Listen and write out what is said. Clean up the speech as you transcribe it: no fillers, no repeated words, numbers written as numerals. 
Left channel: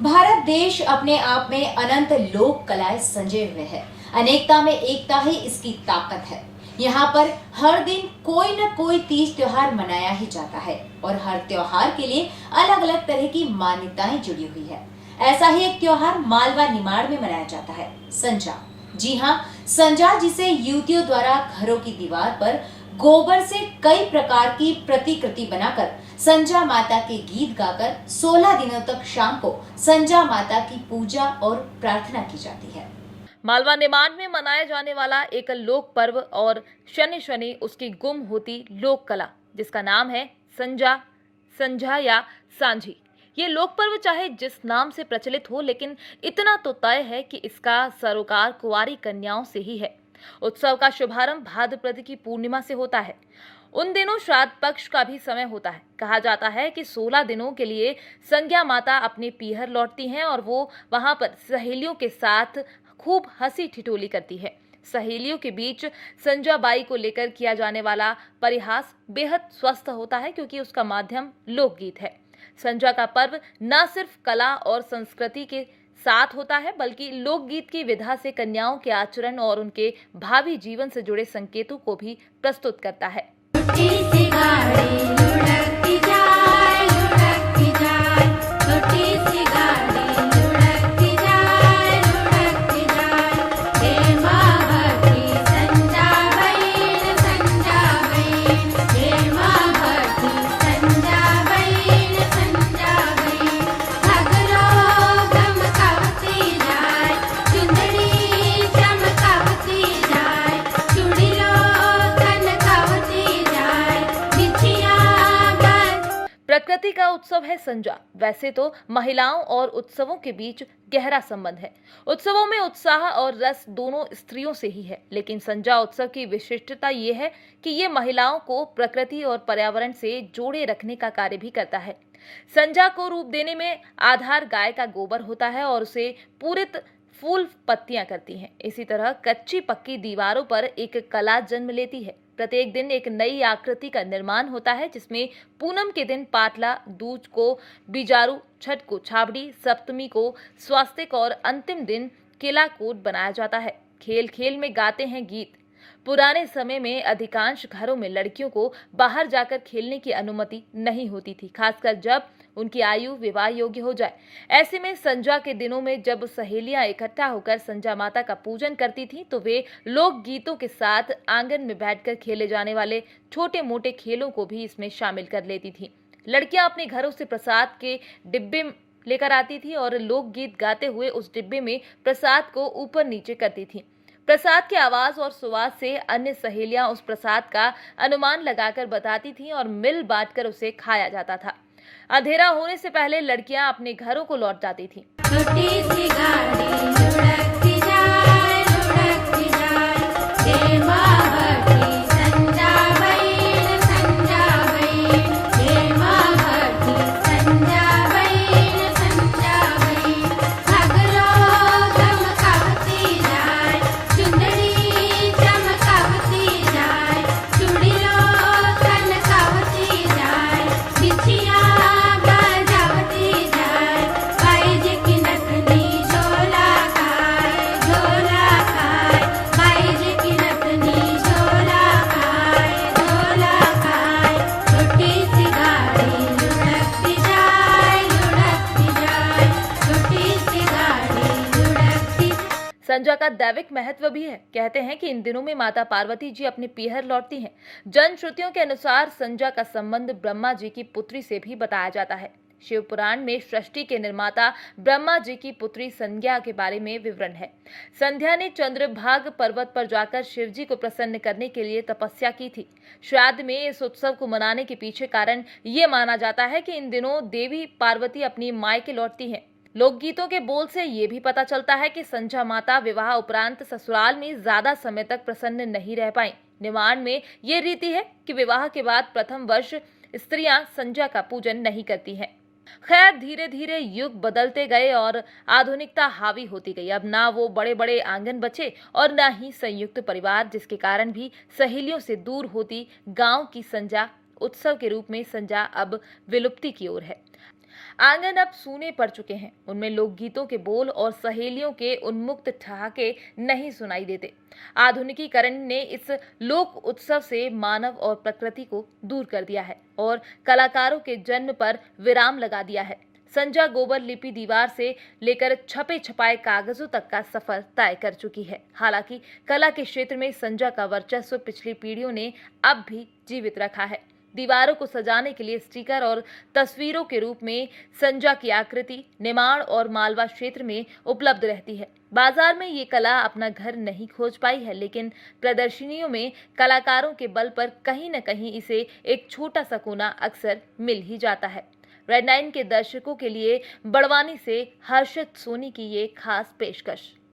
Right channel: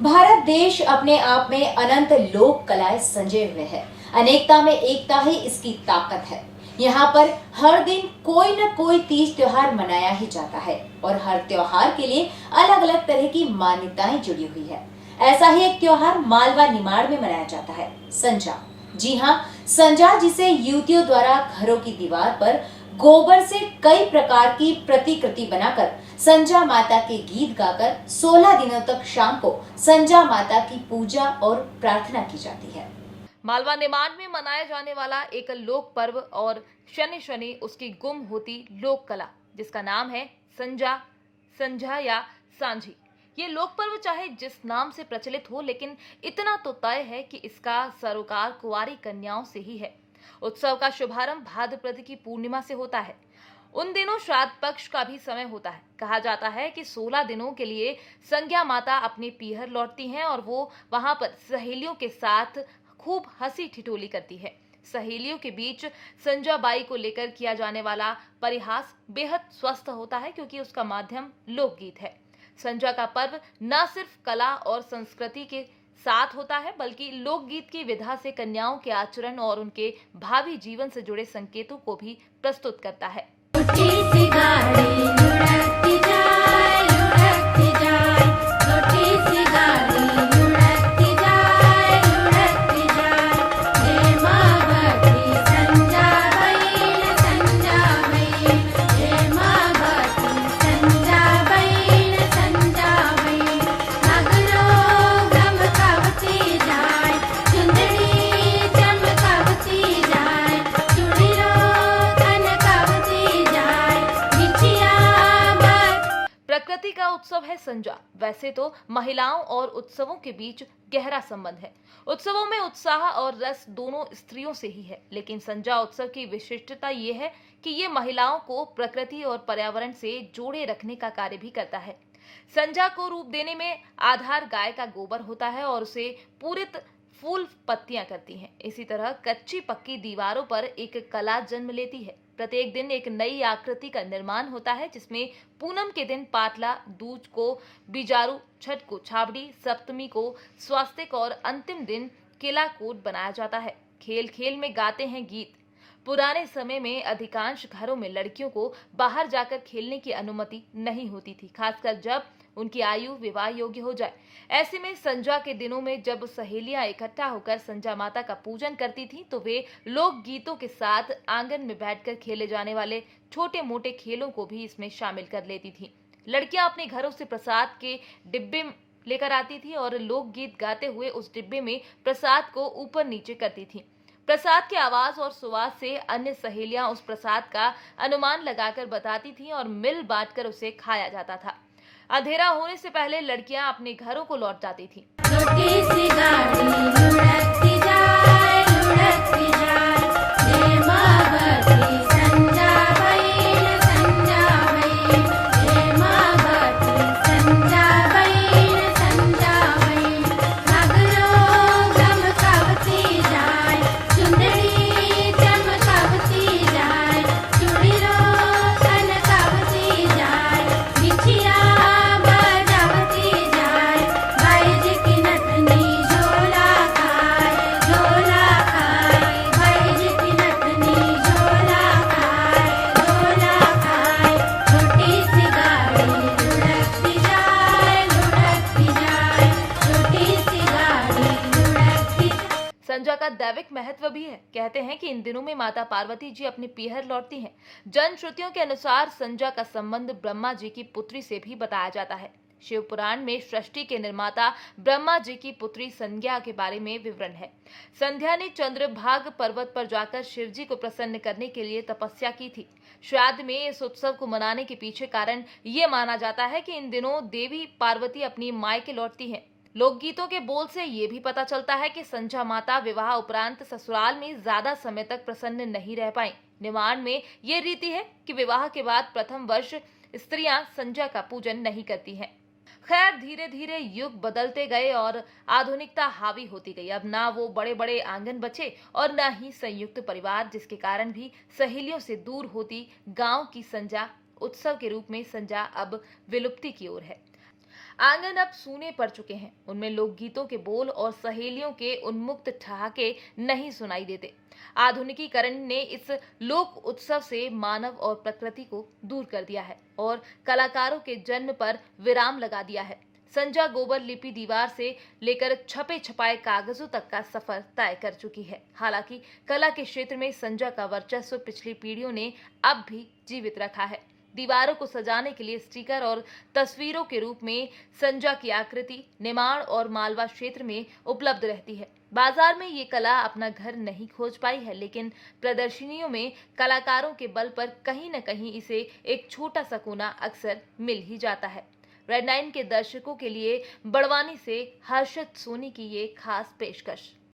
भारत देश अपने आप में अनंत लोक कलाएं संजय हुए है। अनेकता में एकता ही इसकी ताकत है। यहाँ पर हर दिन कोई न कोई तीज त्योहार मनाया ही जाता है और हर त्योहार के लिए अलग अलग तरह की मान्यताएं जुड़ी हुई है। ऐसा ही एक त्योहार मालवा निमाड़ में मनाया जाता है, संजा। जी हाँ, संजा जिसे युवतियों द्वारा घरों की दीवार पर गोबर से कई प्रकार की प्रतिकृति बनाकर संजा माता के गीत गाकर 16 दिनों तक शाम को संजा माता की पूजा और प्रार्थना की जाती है। मालवा निमाड़ में मनाया जाने वाला एक लोक पर्व और शनि शनि उसकी गुम होती लोक कला, जिसका नाम है संजा, संझा या सांझी। ये लोक पर्व चाहे जिस नाम से प्रचलित हो, लेकिन इतना तो तय है कि इसका सरोकार कुंवारी कन्याओं से ही है। उत्सव का शुभारंभ भाद्रपद की पूर्णिमा से होता है। उन दिनों श्राद्ध पक्ष का भी समय होता है। कहा जाता है कि 16 दिनों के लिए संज्ञा माता अपने पीहर लौटती हैं और वो वहां पर सहेलियों के साथ खूब हंसी ठिठोली करती है। सहेलियों के बीच संजा बाई को लेकर किया जाने वाला परिहास बेहद स्वस्थ होता है, क्योंकि उसका माध्यम लोकगीत है। संजा का पर्व न सिर्फ कला और संस्कृति के साथ होता है, बल्कि लोकगीत की विधा से कन्याओं के आचरण और उनके भावी जीवन से जुड़े संकेतों को भी प्रस्तुत करता है। प्रकृति का उत्सव है संजा। वैसे तो महिलाओं और उत्सवों के बीच गहरा संबंध है। उत्सवों में उत्साह और रस दोनों स्त्रियों से ही है, लेकिन संजा उत्सव की विशिष्टता ये है कि ये महिलाओं को प्रकृति और पर्यावरण से जोड़े रखने का कार्य भी करता है। संजा को रूप देने में आधार गाय का गोबर होता है और उसे पूरित फूल पत्तियां करती हैं। इसी तरह कच्ची पक्की दीवारों पर एक कला जन्म लेती है। प्रत्येक दिन एक नई आकृति का निर्माण होता है, जिसमें पूनम के दिन पाटला, दूज को बिजारू, छठ को छाबड़ी, सप्तमी को स्वास्तिक और अंतिम दिन किलाकोट बनाया जाता है। खेल खेल में गाते हैं गीत। पुराने समय में अधिकांश घरों में लड़कियों को बाहर जाकर खेलने की अनुमति नहीं होती थी, खासकर जब उनकी आयु विवाह योग्य हो जाए। ऐसे में संजा के दिनों में जब सहेलियां इकट्ठा होकर संजा माता का पूजन करती थीं, तो वे लोक गीतों के साथ आंगन में बैठकर खेले जाने वाले छोटे मोटे खेलों को भी इसमें शामिल कर लेती थीं। लड़कियां अपने घरों से प्रसाद के डिब्बे लेकर आती थी और लोक गीत गाते हुए उस डिब्बे में प्रसाद को ऊपर नीचे करती थीं। प्रसाद की आवाज और सुवास से अन्य सहेलियां उस प्रसाद का अनुमान लगाकर बताती थीं और मिल बांटकर उसे खाया जाता था। अंधेरा होने से पहले लड़कियां अपने घरों को लौट जाती थीं। संजा का दैविक महत्व भी है। कहते हैं कि इन दिनों में माता पार्वती जी अपने पीहर लौटती हैं। जन श्रुतियों के अनुसार संजा का संबंध ब्रह्मा जी की पुत्री से भी बताया जाता है। शिव पुराण में सृष्टि के निर्माता ब्रह्मा जी की पुत्री संज्ञा के बारे में विवरण है। संध्या ने चंद्रभाग पर्वत पर जाकर शिव जी को प्रसन्न करने के लिए तपस्या की थी। श्राद्ध में इस उत्सव को मनाने के पीछे कारण ये माना जाता है कि इन दिनों देवी पार्वती अपनी मायके लौटती हैं। लोकगीतों के बोल से ये भी पता चलता है कि संजा माता विवाह उपरांत ससुराल में ज्यादा समय तक प्रसन्न नहीं रह पाई। निमाड़ में ये रीति है कि विवाह के बाद प्रथम वर्ष स्त्रियां संजा का पूजन नहीं करती हैं। खैर, धीरे धीरे युग बदलते गए और आधुनिकता हावी होती गई। अब ना वो बड़े बड़े आंगन बचे और ना ही संयुक्त परिवार, जिसके कारण भी सहेलियों से दूर होती गांव की संजा उत्सव के रूप में संजा अब विलुप्ति की ओर है। आंगन अब सूने पड़ चुके हैं। उनमें लोकगीतों के बोल और सहेलियों के उन्मुक्त ठहाके नहीं सुनाई देते। आधुनिकीकरण ने इस लोक उत्सव से मानव और प्रकृति को दूर कर दिया है और कलाकारों के जन्म पर विराम लगा दिया है। संजा गोबर लिपि दीवार से लेकर छपे छपाए कागजों तक का सफर तय कर चुकी है। हालांकि कला के क्षेत्र में संजा का वर्चस्व पिछली पीढ़ियों ने अब भी जीवित रखा है। दीवारों को सजाने के लिए स्टिकर और तस्वीरों के रूप में संजा की आकृति निमाड़ और मालवा क्षेत्र में उपलब्ध रहती है। बाजार में ये कला अपना घर नहीं खोज पाई है, लेकिन प्रदर्शनियों में कलाकारों के बल पर कहीं न कहीं इसे एक छोटा सा कोना अक्सर मिल ही जाता है। रेड 9 के दर्शकों के लिए बड़वानी से हर्षित सोनी की ये खास पेशकश।